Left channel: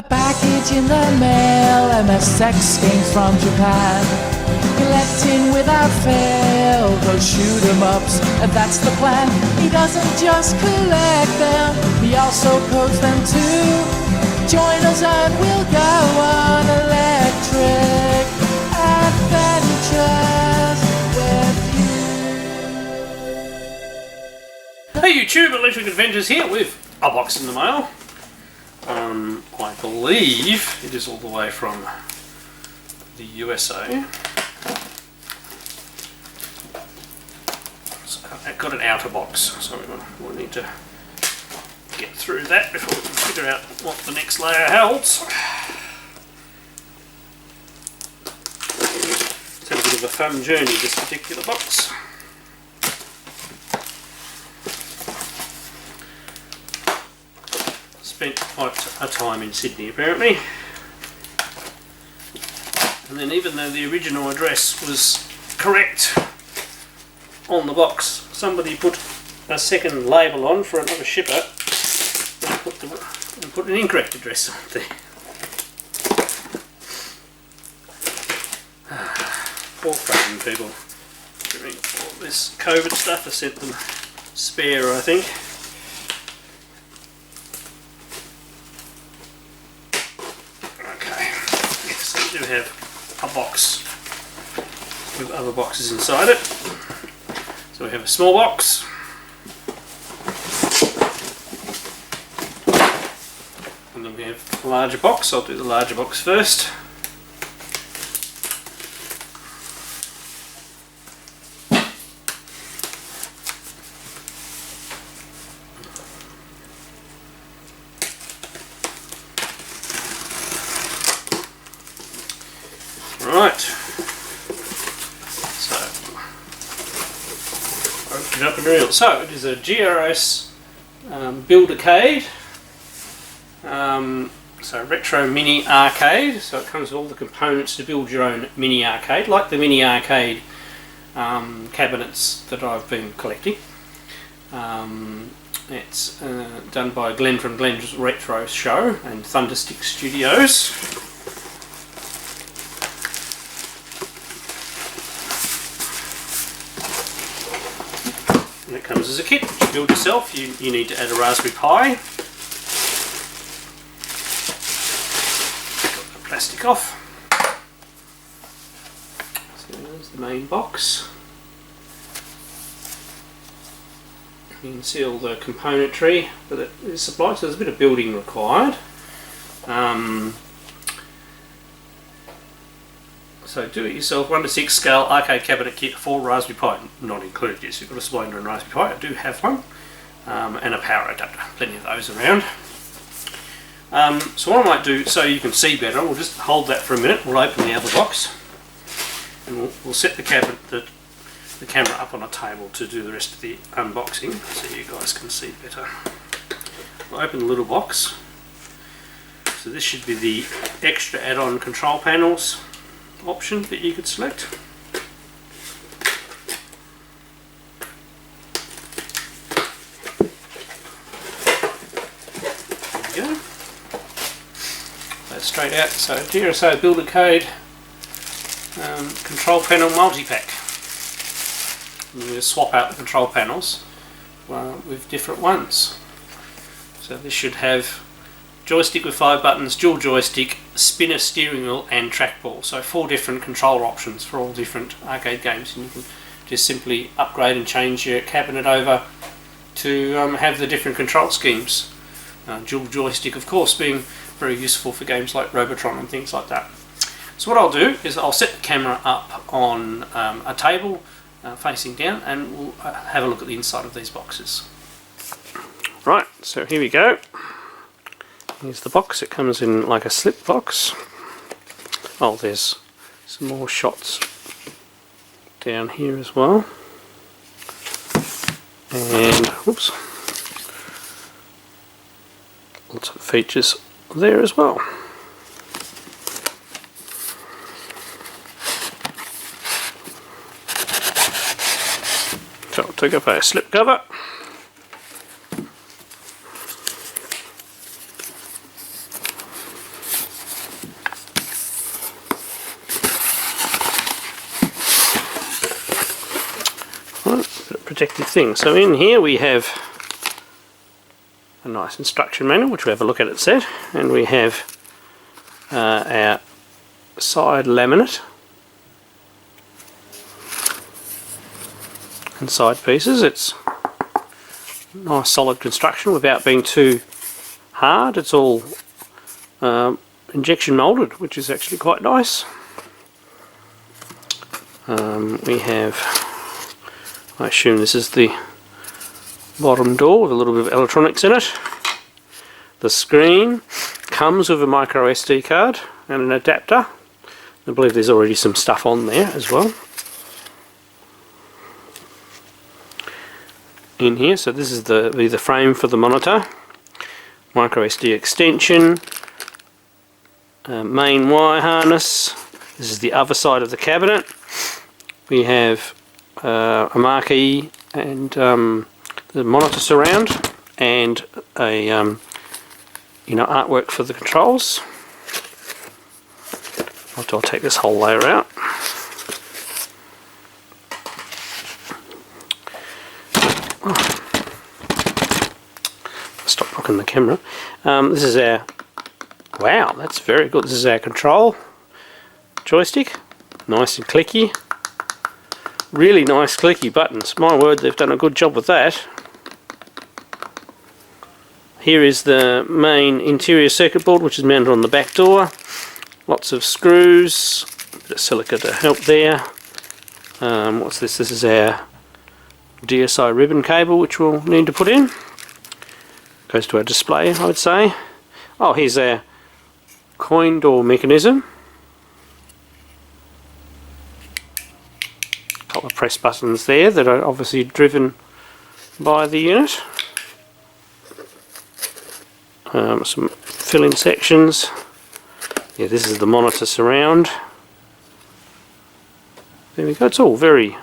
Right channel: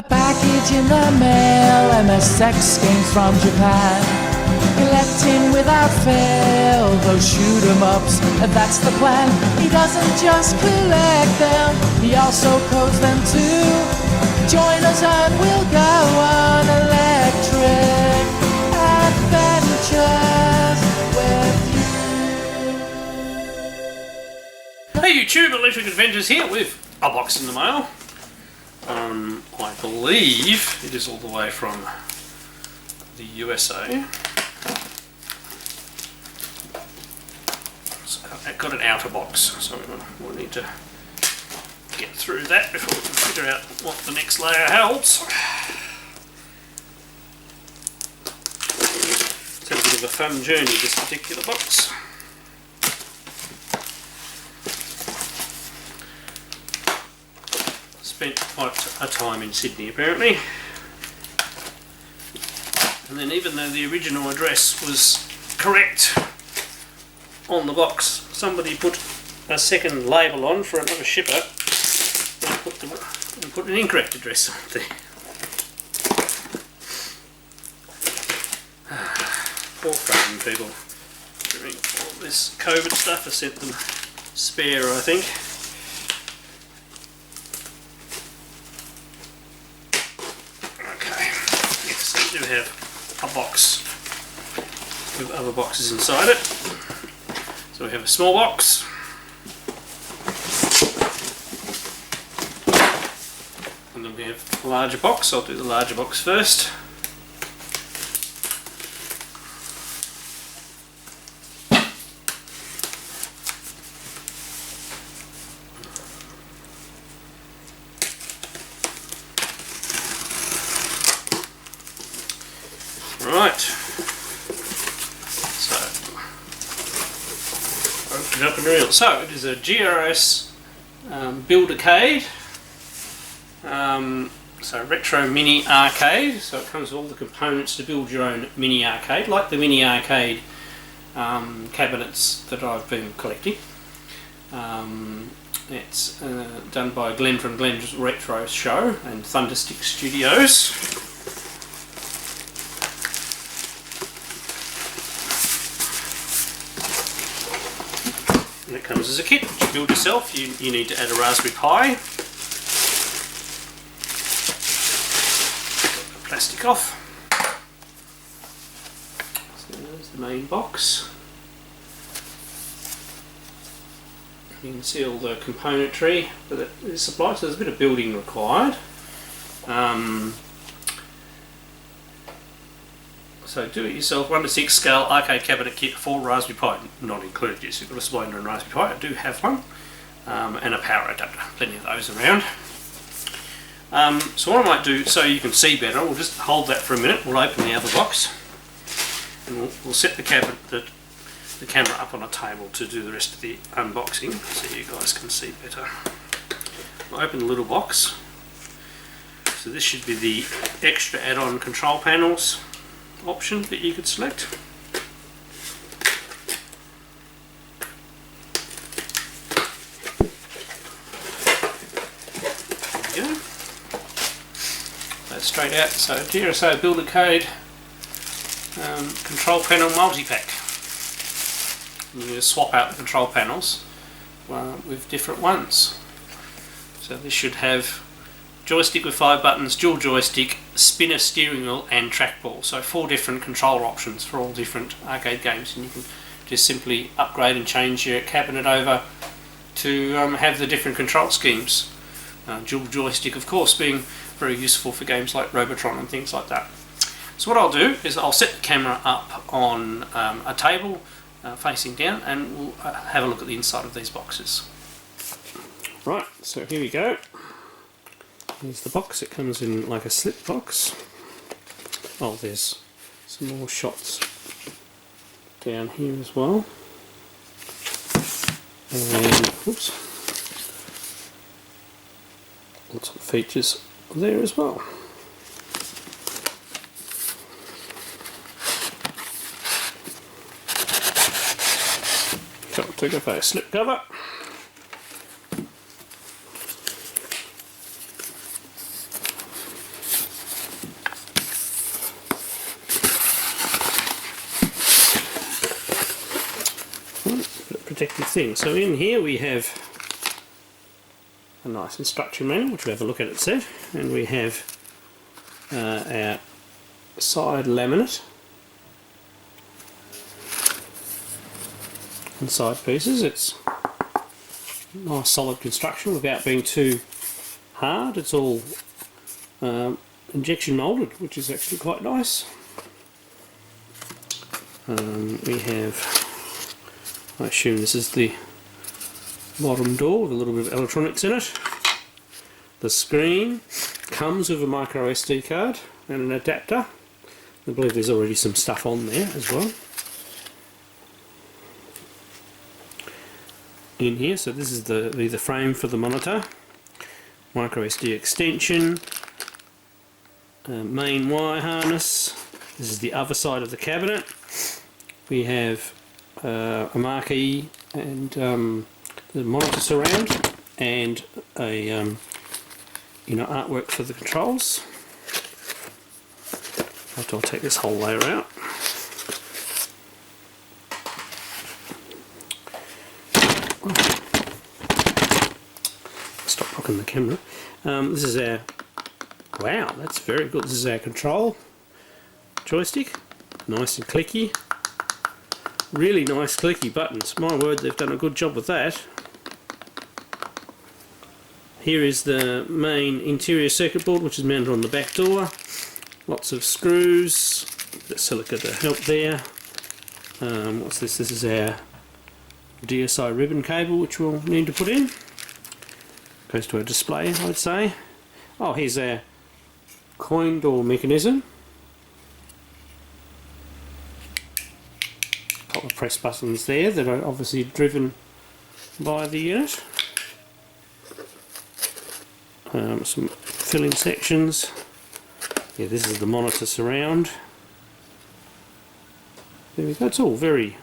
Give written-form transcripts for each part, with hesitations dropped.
A package in the mail, MSX games from Japan. Collecting without fail, those shoot 'em ups, and that's the plan. He doesn't just collect them, he also codes them too. Join us and we'll go on electric adventures with you. Hey YouTube, Electric Adventures here with a box in the mail. I believe it is all the way from the USA. So I've got an outer box, so we'll need to get through that before we can figure out what the next layer holds. It's had a bit of a fun journey, this particular box. Spent quite a time in Sydney apparently, and then even though the original address was correct on the box, somebody put a second label on for another shipper and put an incorrect address on there. Poor fucking people doing all this COVID stuff. I sent them spare, I think. We do have a box with other boxes inside it. So we have a small box, and then we have a larger box. I'll do the larger box first. Right, so open it up and reveal. So it is a GRS Build-A-Cade, so retro mini arcade. So it comes with all the components to build your own mini arcade, like the mini arcade cabinets that I've been collecting. It's done by Glenn from Glenn's Retro Show and Thunderstick Studios. And it comes as a kit which you build yourself. You need to add a Raspberry Pi. Got the plastic off. So there's the main box. You can see all the componentry that it is supplied, so there's a bit of building required. So do it yourself 1:6 scale arcade cabinet kit for Raspberry Pi, not included. Yes, you've got a Spline and Raspberry Pi. I do have one, and a power adapter. Plenty of those around. So what I might do, so you can see better, we'll just hold that for a minute. We'll open the other box, and we'll set the camera up on a table to do the rest of the unboxing, so you guys can see better. We'll open the little box. So this should be the extra add-on control panels option that you could select. There we go. That's straight out. So GRS Build-A-Cade control panel multi-pack. You just swap out the control panels with different ones. So this should have joystick with 5 buttons, dual joystick, spinner steering wheel and trackball. So 4 different controller options for all different arcade games, and you can just simply upgrade and change your cabinet over to have the different control schemes. Dual joystick of course being very useful for games like Robotron and things like that. So what I'll do is I'll set the camera up on a table facing down, and we'll have a look at the inside of these boxes. Right, so here we go. Here's the box. It comes in like a slip box. Oh, there's some more shots down here as well. And, whoops, lots of features there as well. So I'll take off a slip cover. protective thing. So in here we have a nice instruction manual, which we'll have a look at it set, and we have our side laminate and side pieces. It's nice solid construction without being too hard. It's all injection moulded, which is actually quite nice. We have, I assume this is the bottom door with a little bit of electronics in it. The screen comes with a micro SD card and an adapter. I believe there's already some stuff on there as well. In here, so this is the frame for the monitor, micro SD extension, main wire harness. This is the other side of the cabinet. We have a marquee and the monitor surround and a artwork for the controls. I'll take this whole layer out. Stop rocking the camera. This is our, wow, that's very good. This is our control joystick, nice and clicky. Really nice clicky buttons. My word, they've done a good job with that. Here is the main interior circuit board, which is mounted on the back door. Lots of screws, the silica to help there. What's this? This is our DSI ribbon cable, which we'll need to put in. Goes to our display, I would say. Oh, here's our coin door mechanism. A couple of press buttons there that are obviously driven by the unit. Some fill-in sections. Yeah, this is the monitor surround. There we go. It's all very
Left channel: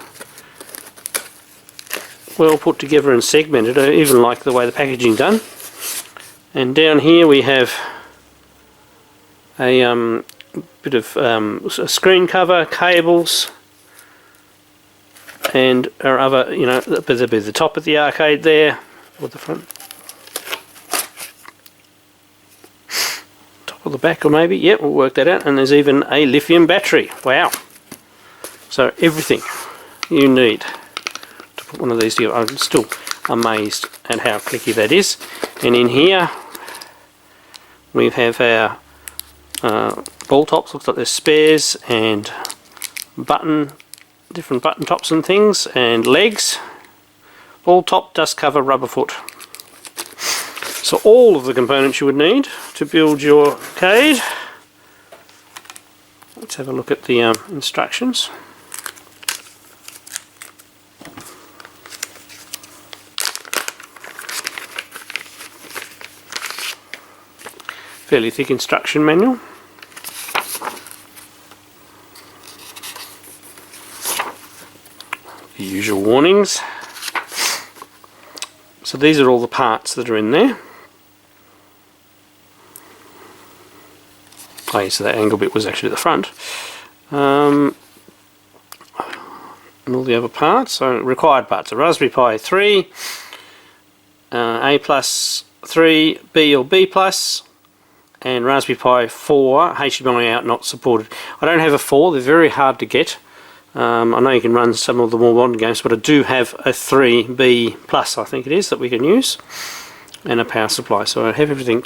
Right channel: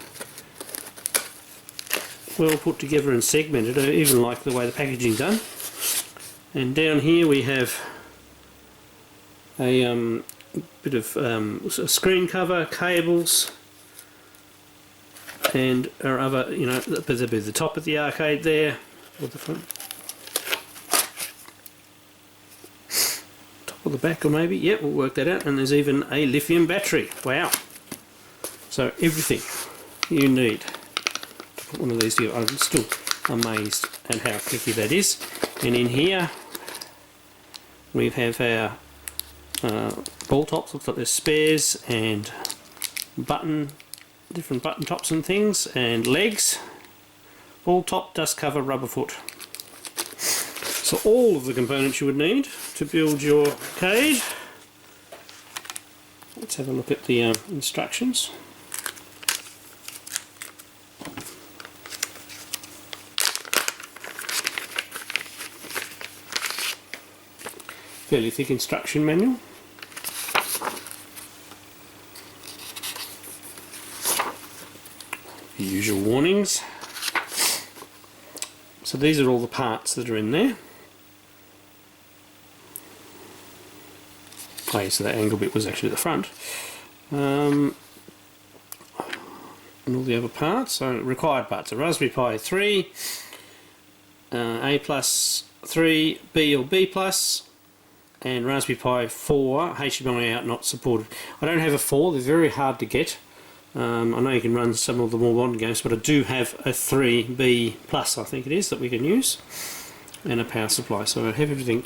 well put together and segmented. I even like the way the packaging's done. And down here we have a bit of a screen cover, cables, and our other, there'll be the top of the arcade there, or the front. Top or the back, or maybe, yep, we'll work that out. And there's even a lithium battery. Wow! So everything you need to put one of these together. I'm still amazed at how clicky that is. And in here we have our ball tops. Looks like there's spares and different button tops and things, and legs. Ball top, dust cover, rubber foot. So all of the components you would need to build your Cade. Let's have a look at the instructions. Fairly thick instruction manual. The usual warnings. So these are all the parts that are in there. Oh yeah, so that angle bit was actually the front. And all the other parts. So required parts: a Raspberry Pi 3, A+, 3, B or B+, and Raspberry Pi 4, HDMI out not supported. I don't have a 4, they're very hard to get. I know you can run some of the more modern games, but I do have a 3B+, I think it is, that we can use, and a power supply. So I have everything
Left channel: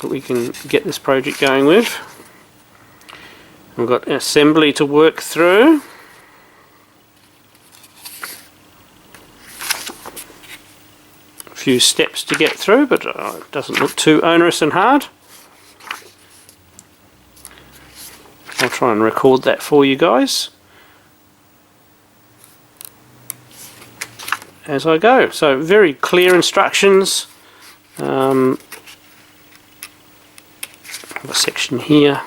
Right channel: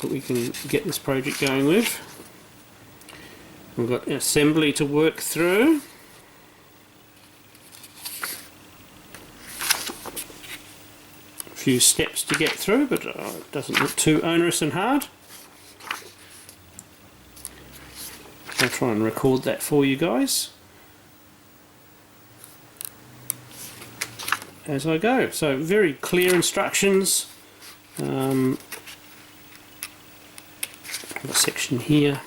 that we can get this project going with. We've got assembly to work through. A few steps to get through, but it doesn't look too onerous and hard. I'll try and record that for you guys as I go. So very clear instructions. A section here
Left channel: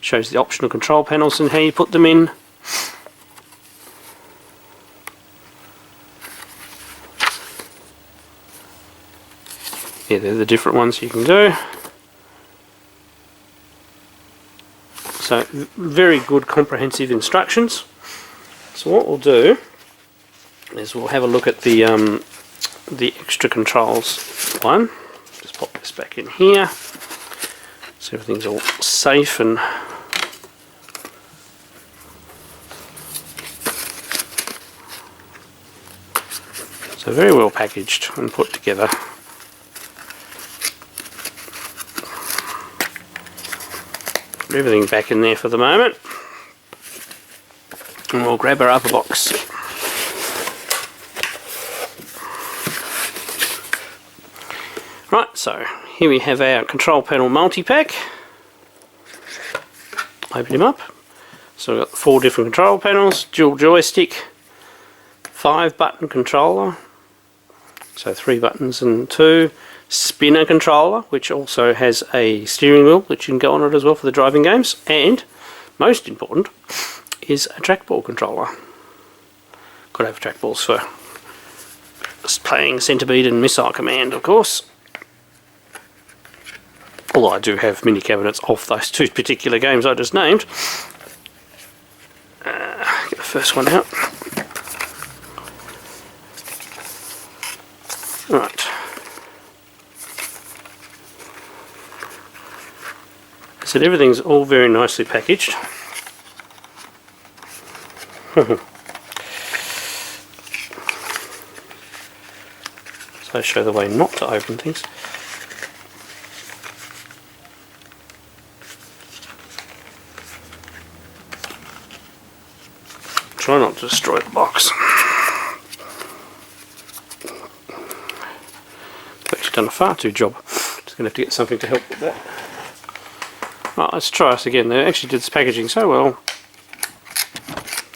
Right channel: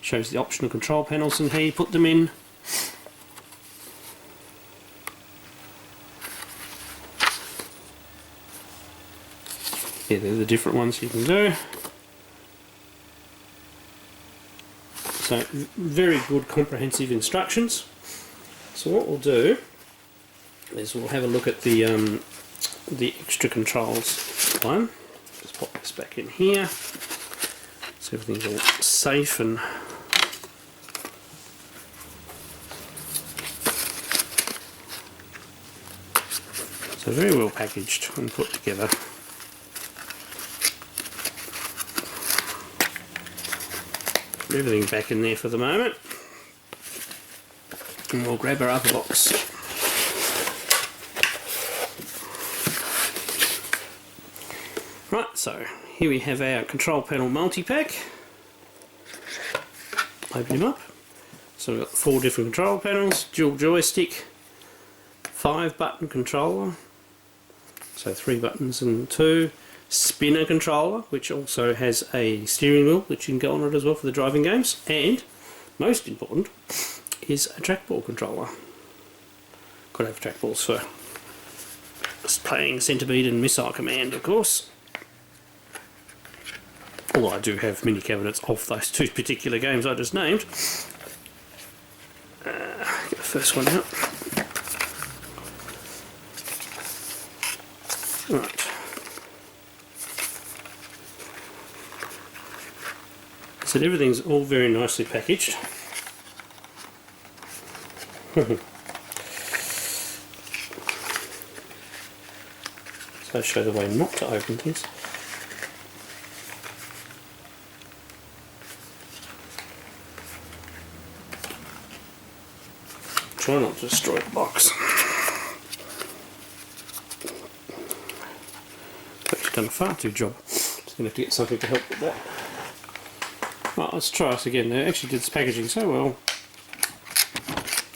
shows the optional control panels and how you put them in. Yeah, they're the different ones you can do. So very good comprehensive instructions. So what we'll do is we'll have a look at the extra controls one. Just pop this back in here so everything's all safe and so very well packaged and put together. Put everything back in there for the moment, and we'll grab our upper box. Right, so here we have our control panel multi-pack. Open him up. So we've got 4 different control panels, dual joystick, 5-button controller, so 3 buttons and 2, spinner controller, which also has a steering wheel that you can go on it as well for the driving games, and most important is a trackball controller. Could have trackballs for playing Centipede and Missile Command, of course. Although I do have mini cabinets of those 2 particular games I just named. Get the first one out. Right. So everything's all very nicely packaged. So I show the way not to open things. Try not to destroy the box. I've actually done a far too job. Just going to have to get something to help with that. Right, let's try this again. They actually did this packaging so well,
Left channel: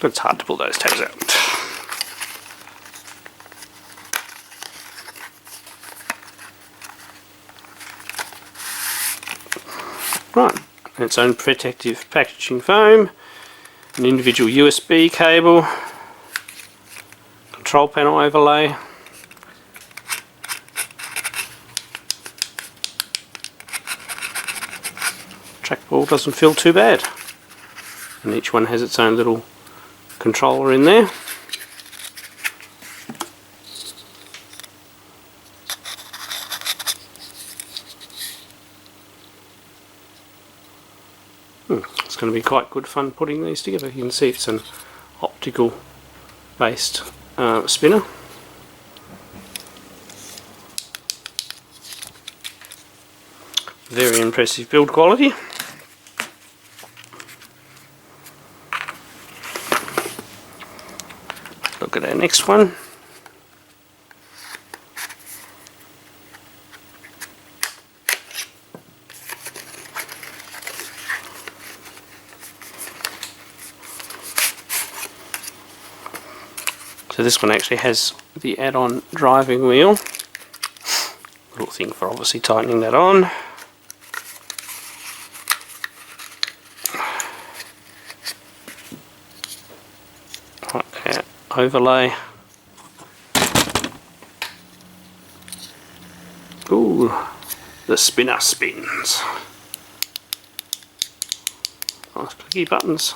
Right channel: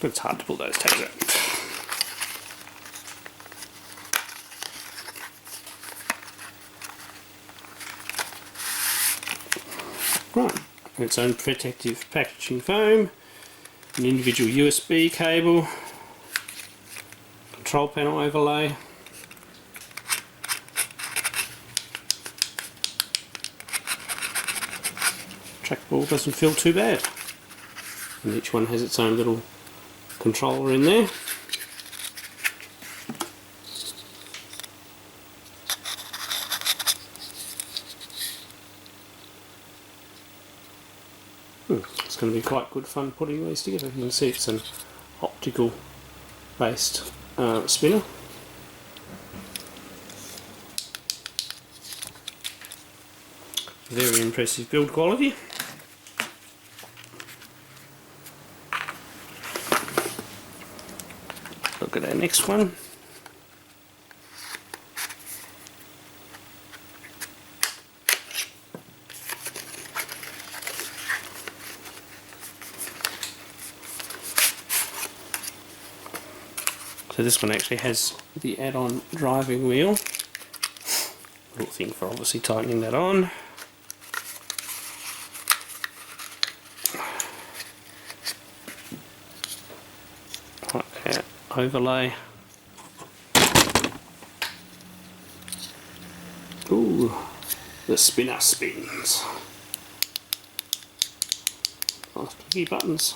but it's hard to pull those tags out. Right, its own protective packaging foam, an individual USB cable, control panel overlay, trackball doesn't feel too bad, and each one has its own little controller in there. It's going to be quite good fun putting these together. You can see it's an optical based spinner. Very impressive build quality. Look at our next one. So this one actually has the add-on driving wheel, little thing for obviously tightening that on. Right, overlay. Ooh, the spinner spins. Nice clicky buttons.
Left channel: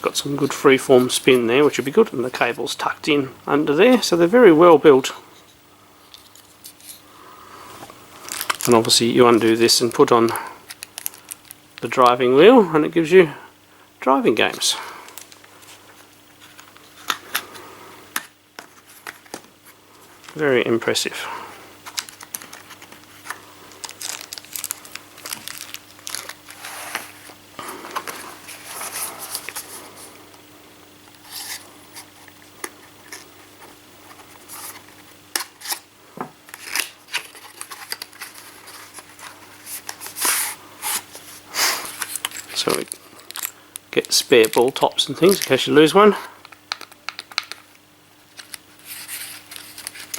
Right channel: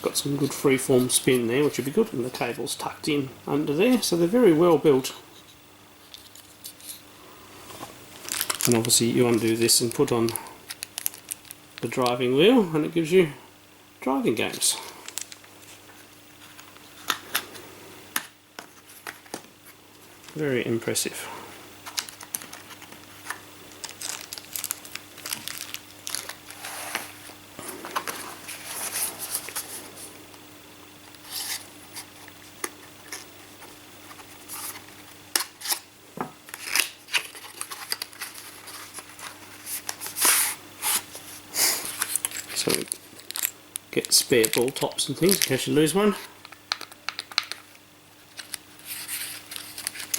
Got some good freeform spin there, which would be good, and the cable's tucked in under there, so they're very well built. And obviously you undo this and put on the driving wheel and it gives you driving games. Very impressive. So we get spare ball tops and things in case you lose one.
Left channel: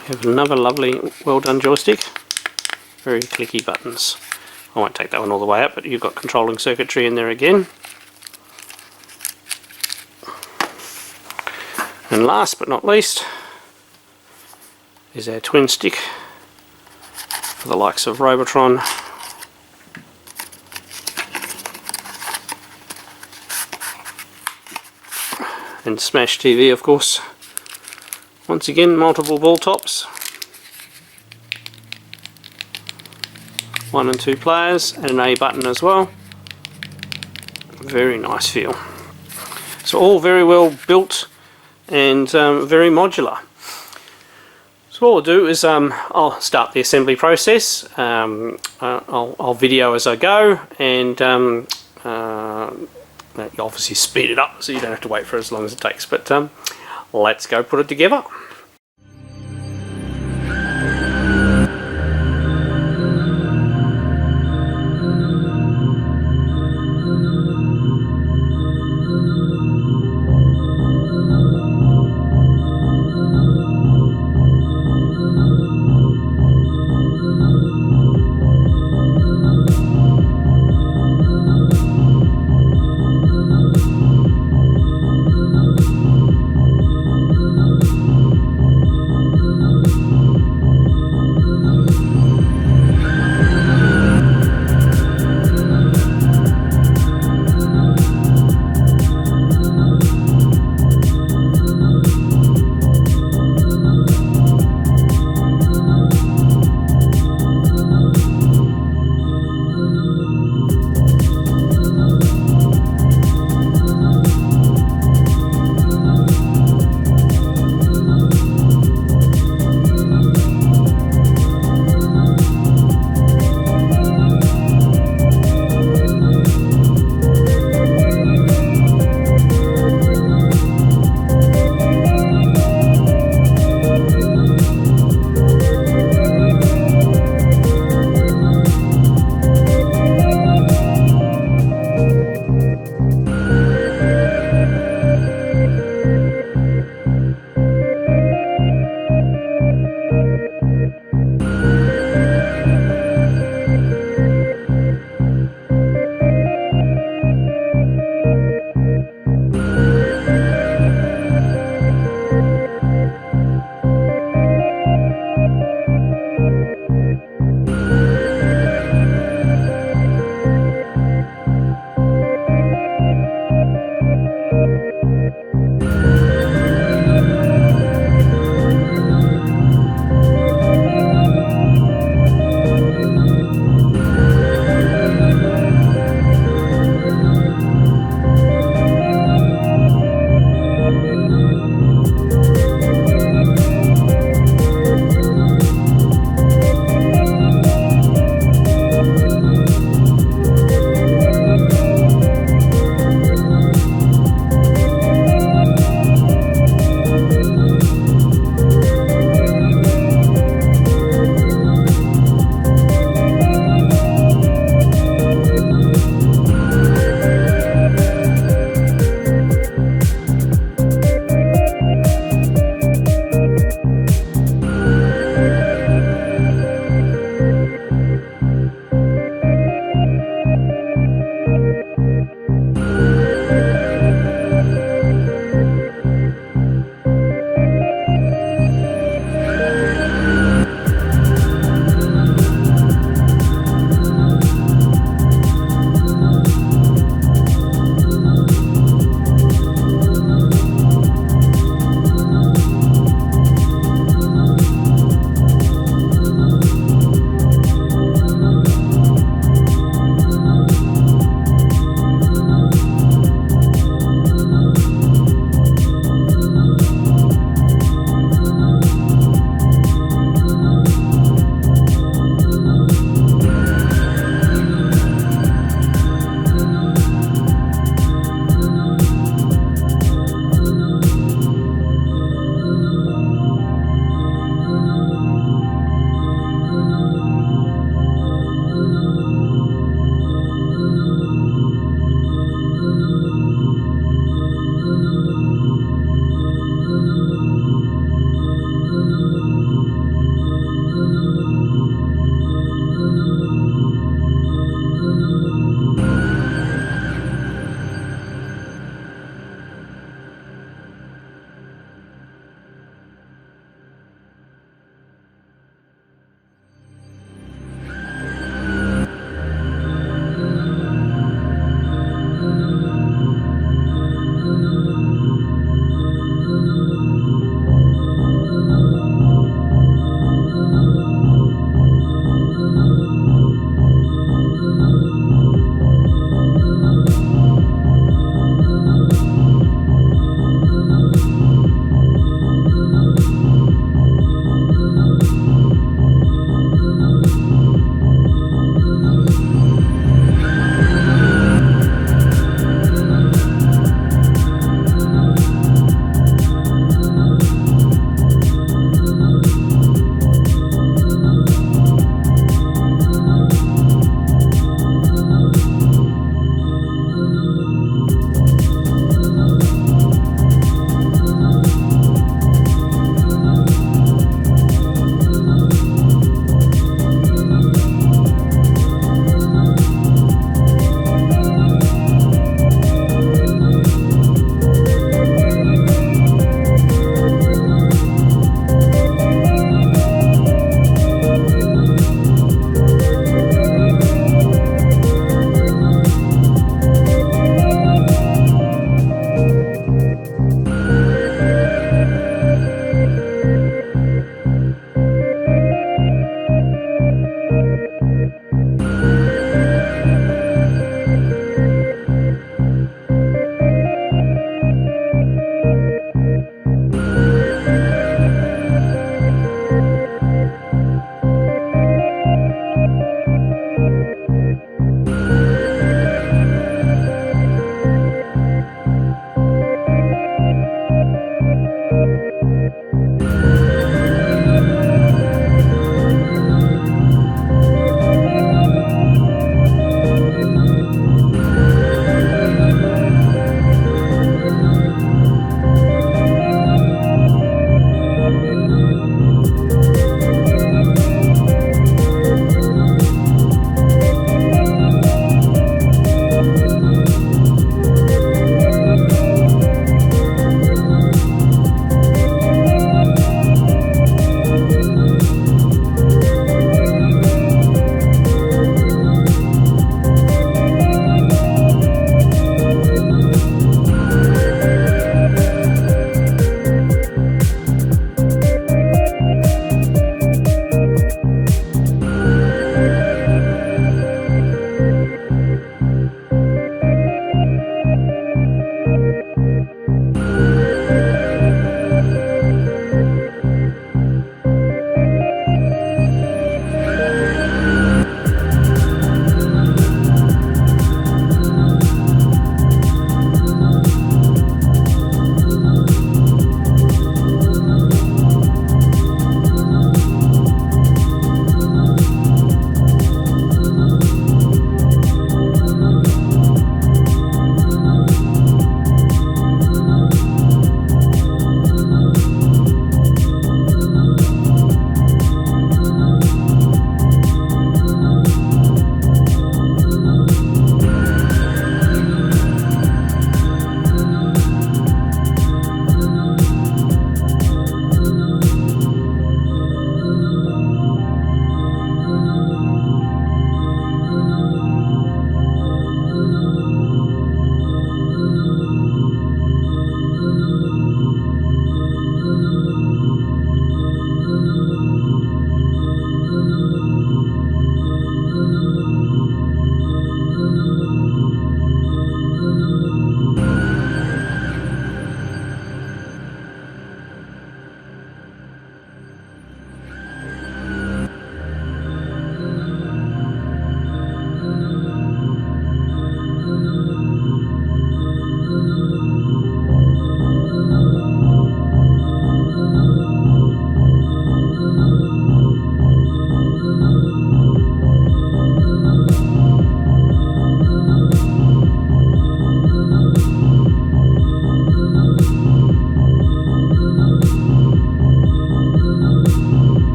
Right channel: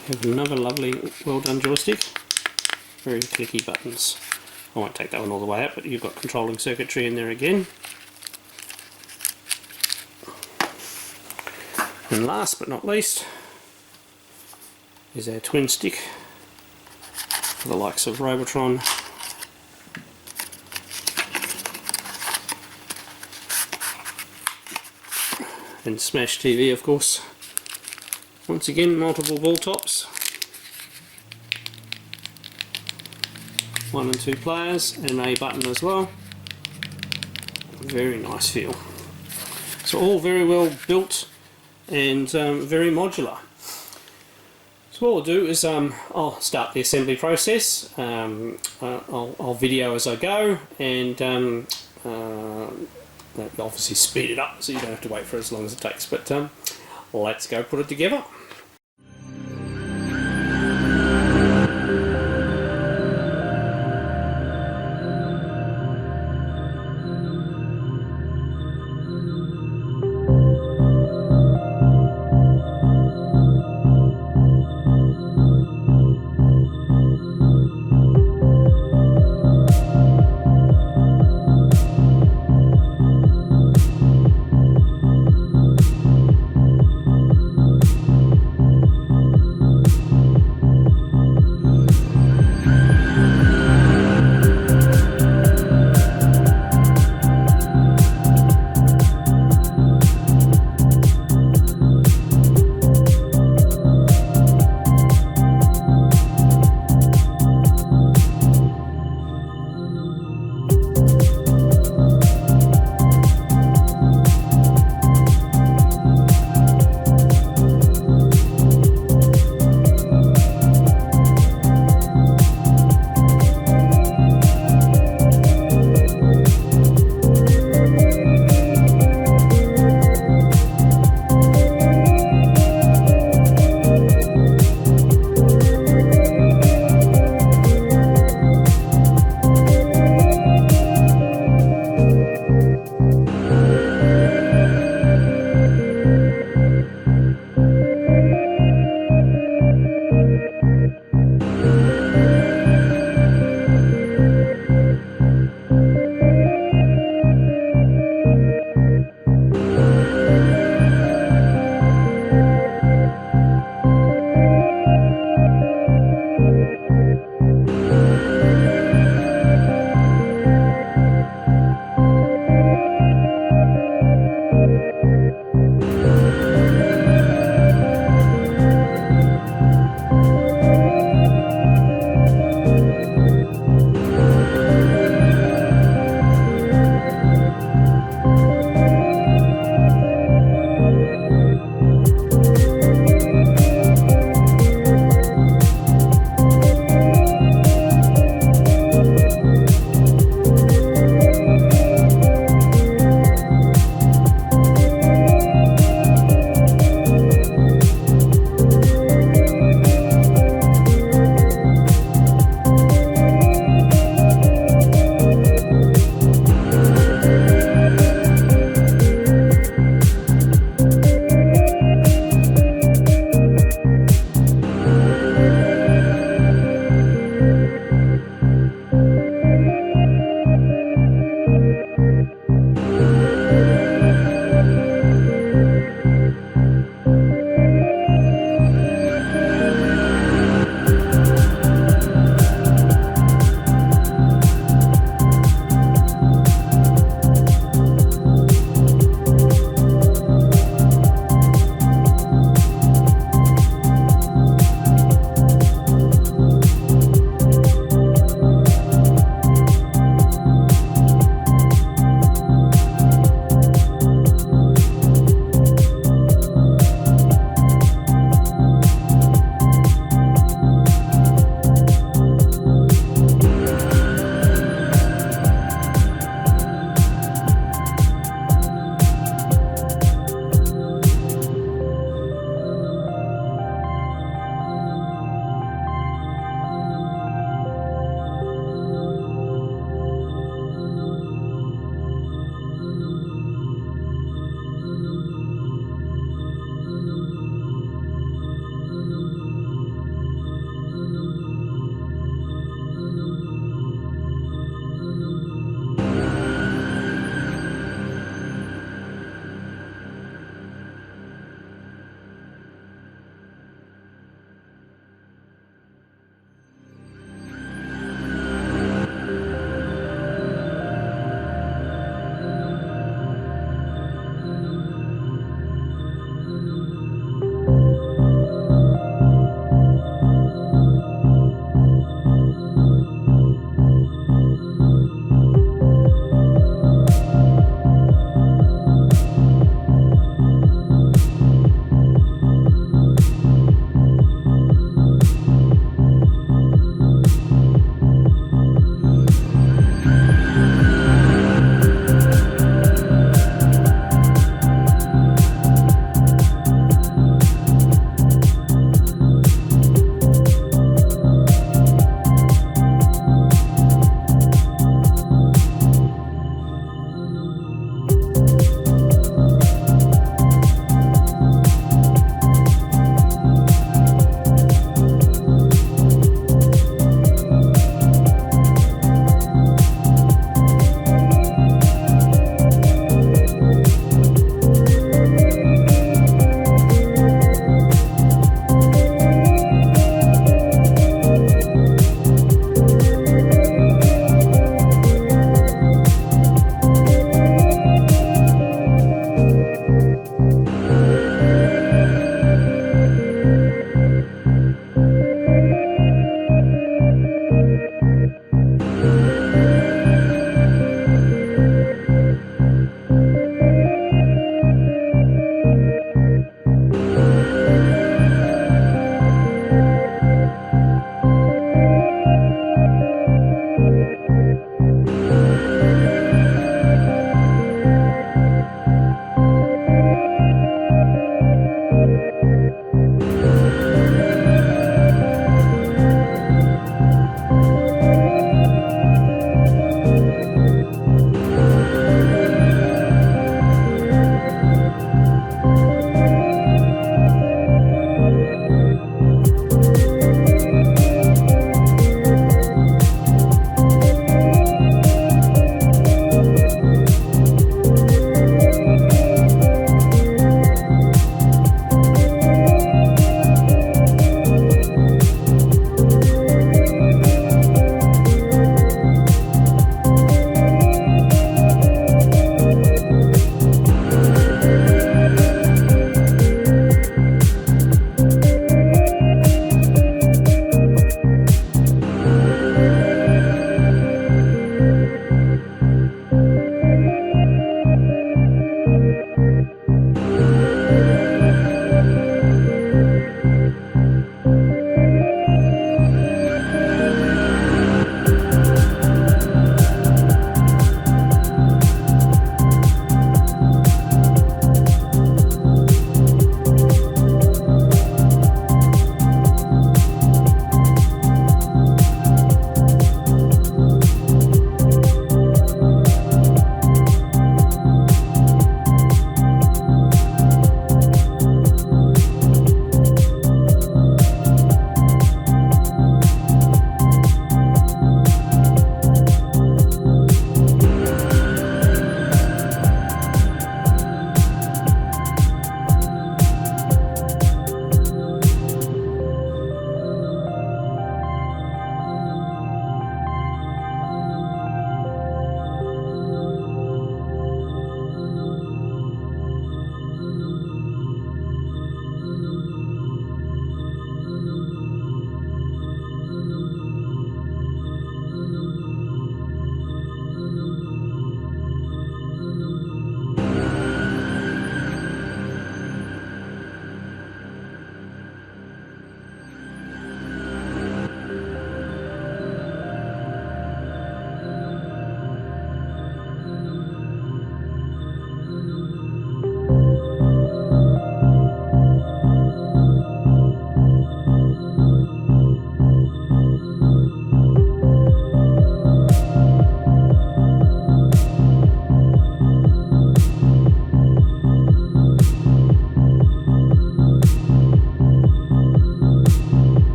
We have another lovely, well done joystick. Very clicky buttons. I won't take that one all the way up, but you've got controlling circuitry in there again. And last but not least is our twin stick for the likes of Robotron, and Smash TV, of course. Once again, multiple ball tops, 1 and 2 players, and an A button as well. Very nice feel. So all very well built and very modular. So what I'll do is I'll start the assembly process. I'll video as I go, and obviously speed it up so you don't have to wait for as long as it takes. But let's go put it together.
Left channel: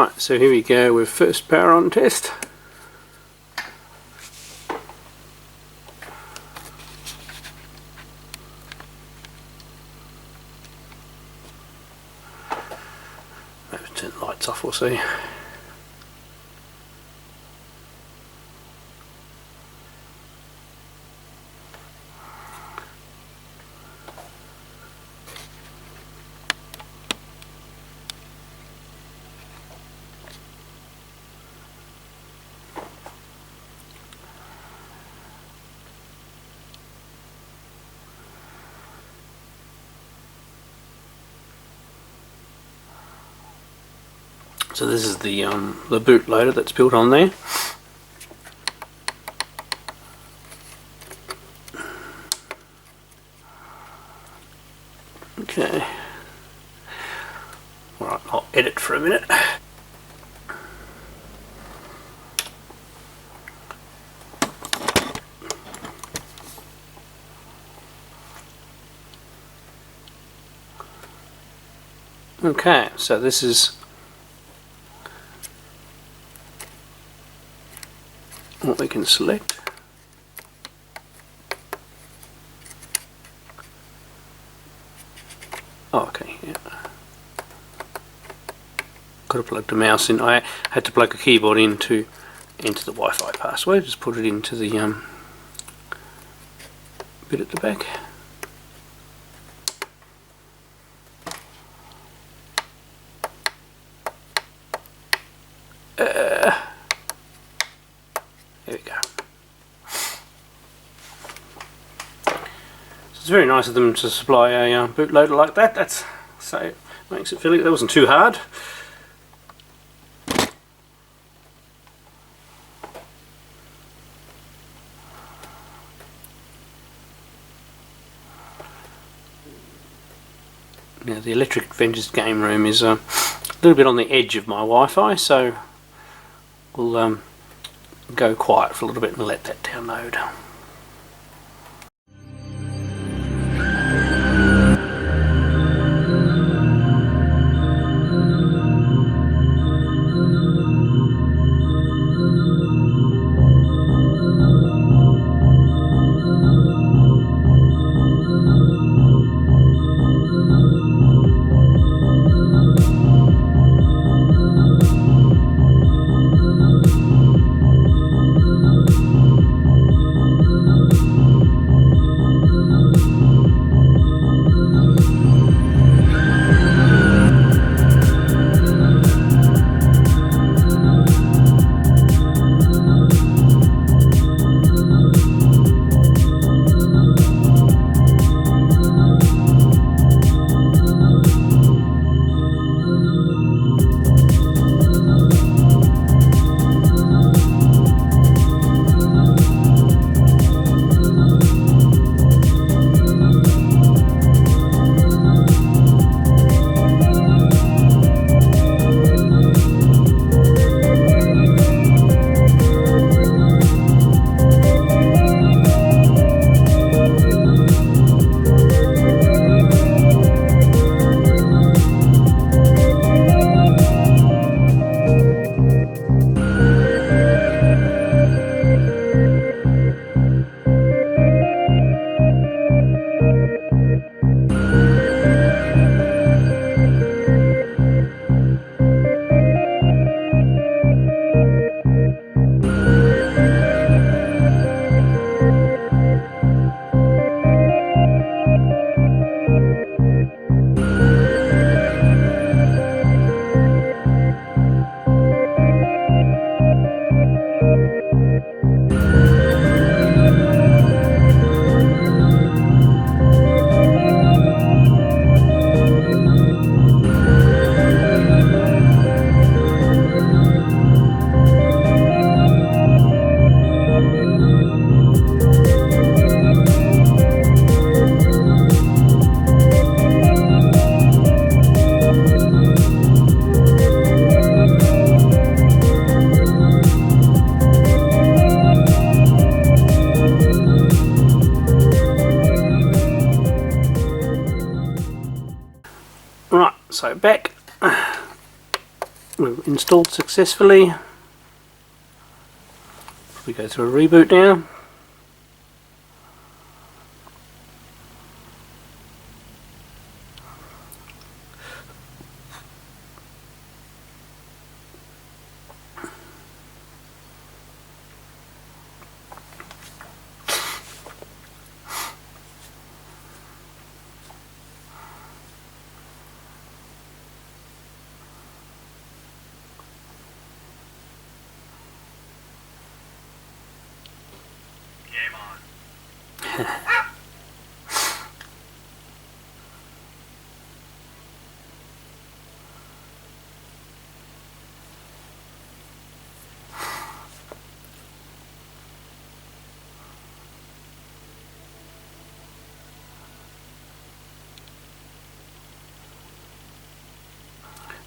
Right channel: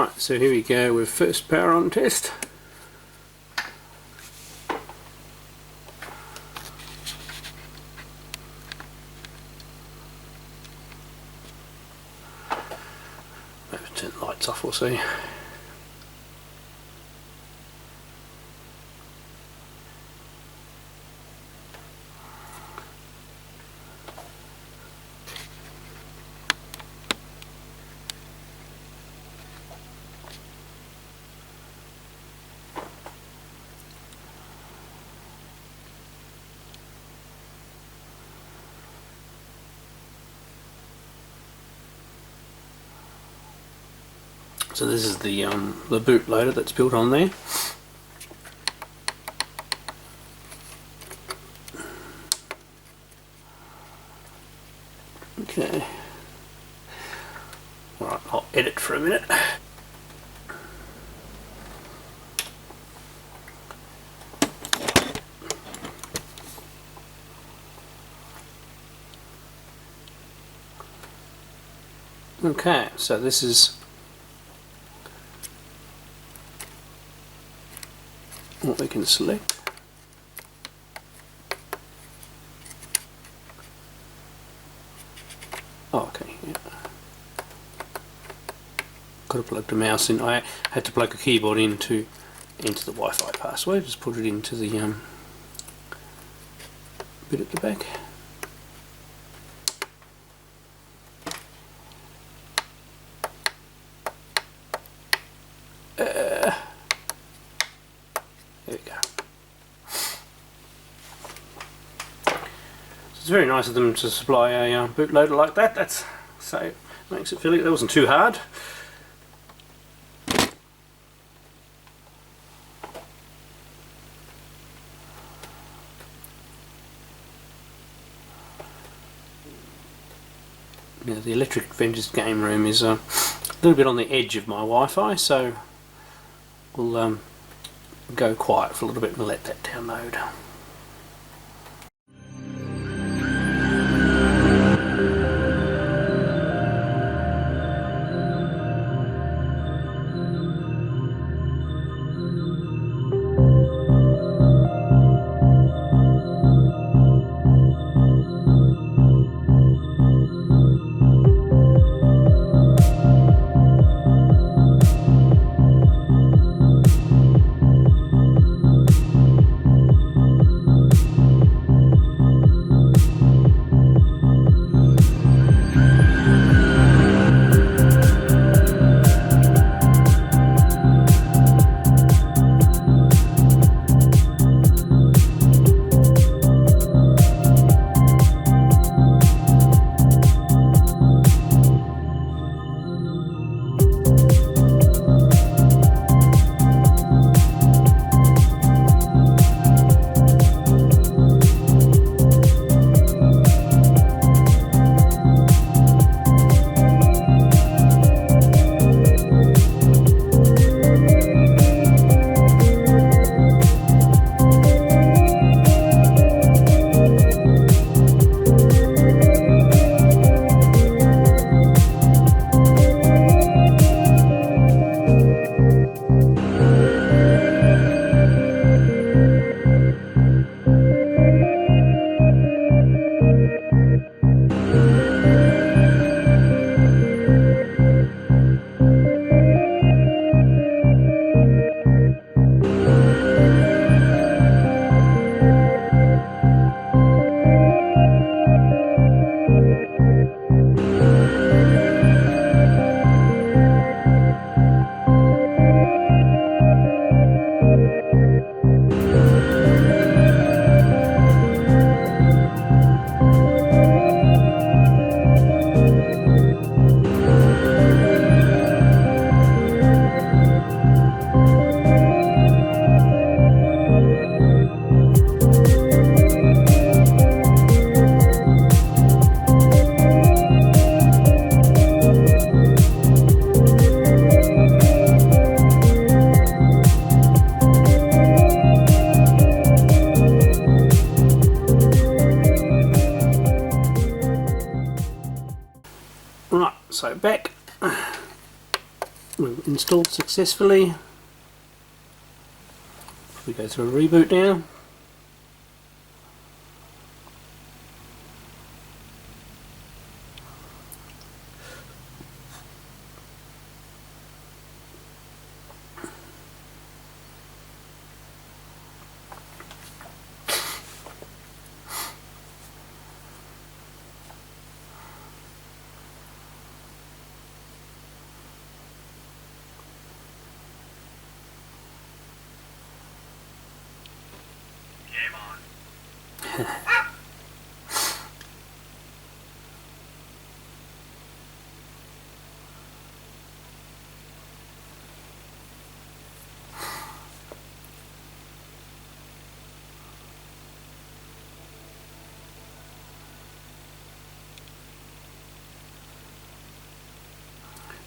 Right, so here we go with first power on test. Maybe turn the lights off, we'll see. So this is the bootloader that's built on there. Okay. Alright, I'll edit for a minute. Okay, so this is what we can select. Oh, okay, yeah. Got to plug the mouse in. I had to plug a keyboard into the Wi-Fi password. Just put it into the bit at the back. There we go. So it's very nice of them to supply a bootloader like that. That's so it makes it feel like that wasn't too hard. Now the Electric Adventures game room is a little bit on the edge of my Wi-Fi, so we'll go quiet for a little bit and let that download. Right, so back, we've installed successfully. We go through a reboot now.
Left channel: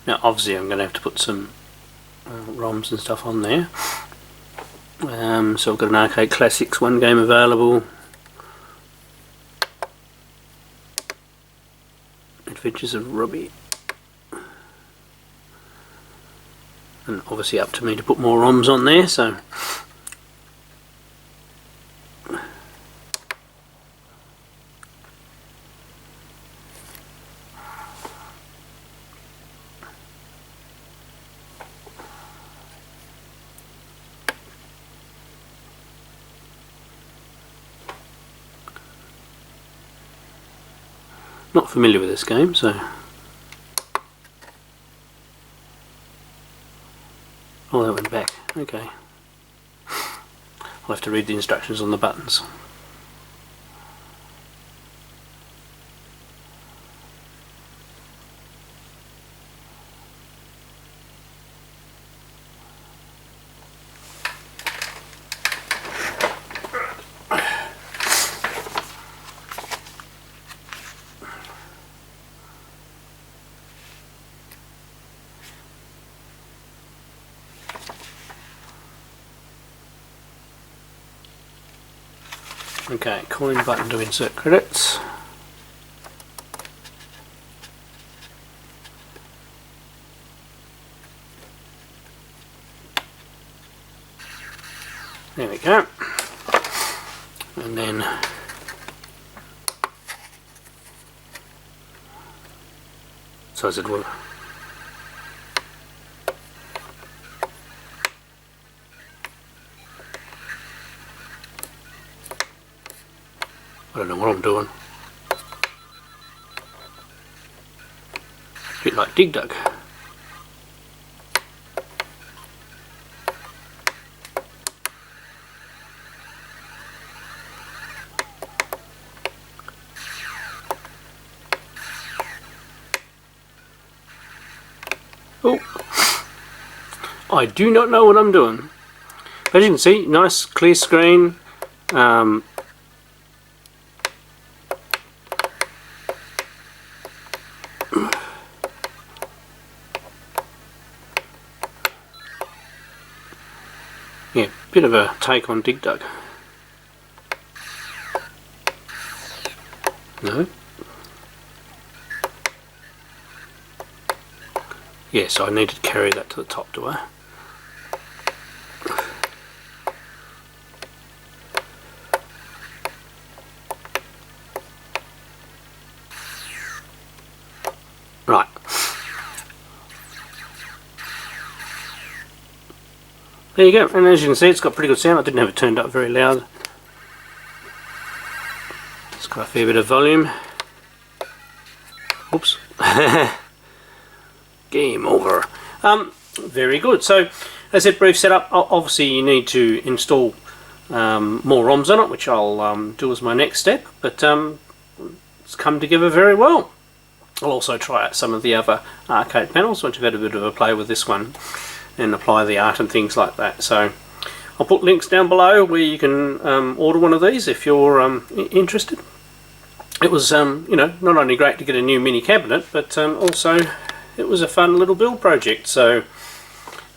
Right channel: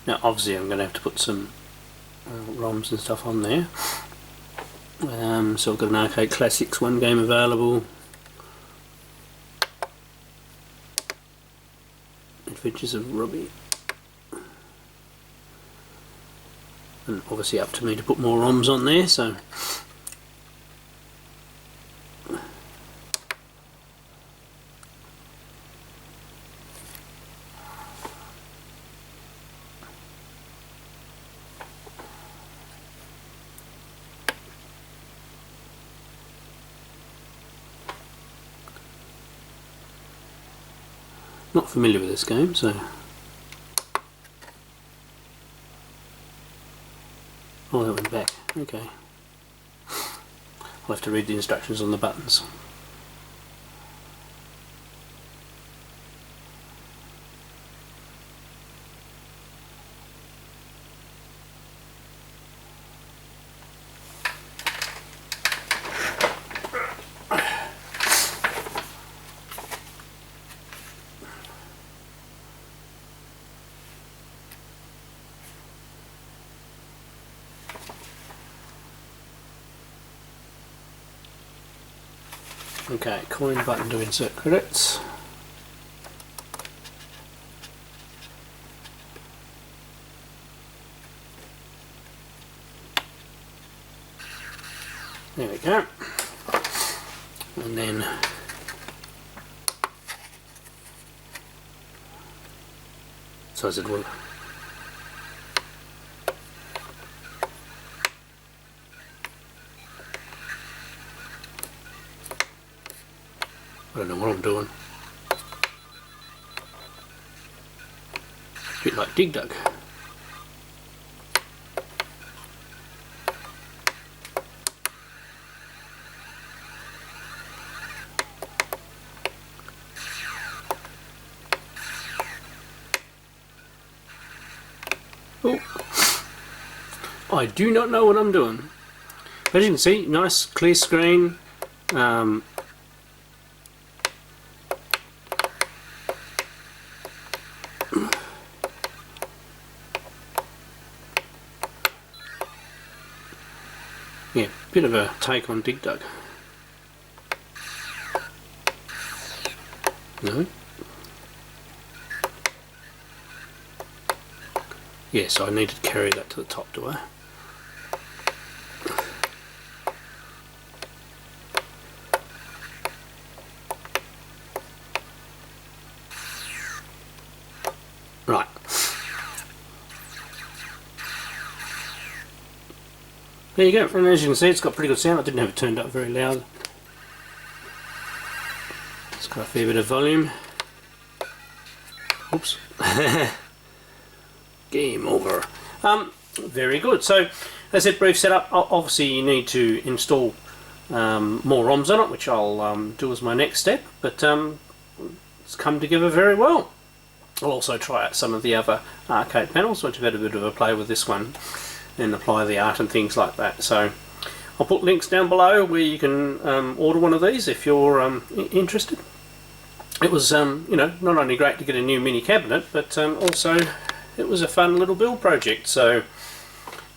Now obviously I'm going to have to put some ROMs and stuff on there. So I've got an Arcade Classics 1 game available. Adventures of Robbie. And obviously up to me to put more ROMs on there, so not familiar with this game, so oh, that went back. Okay, I'll have to read the instructions on the buttons. Okay, coin button to insert credits. There we go. And then so as it will. I don't know what I'm doing. A bit like Dig Dug. Oh, I do not know what I'm doing. As you can see, nice clear screen. Yeah, bit of a take on Dig Dug. No? Yes, I need to carry that to the top, do I? Right. There you go, and as you can see it's got pretty good sound. I didn't have it turned up very loud. It's got a fair bit of volume. Oops. Game over. Very good. So as I said, brief setup. Obviously you need to install more ROMs on it, which I'll do as my next step, but it's come together very well. I'll also try out some of the other arcade panels once you've had a bit of a play with this one and apply the art and things like that. So I'll put links down below where you can order one of these if you're interested. It was you know, not only great to get a new mini cabinet, but also it was a fun little build project. So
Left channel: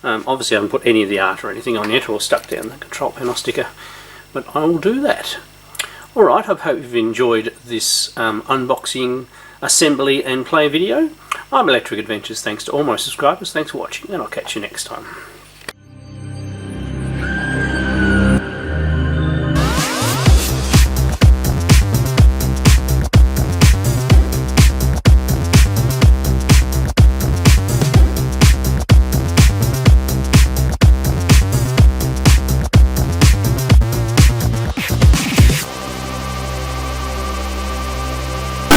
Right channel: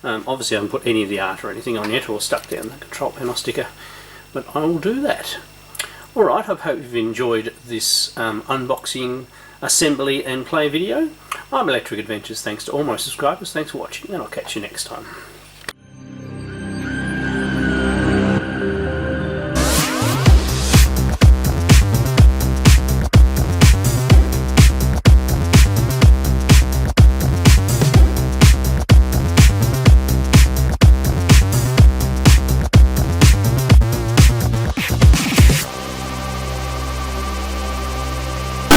obviously I haven't put any of the art or anything on yet, or stuck down the control panel sticker, but I will do that. Alright, I hope you've enjoyed this unboxing, assembly and play video. I'm Electric Adventures. Thanks to all my subscribers. Thanks for watching, and I'll catch you next time.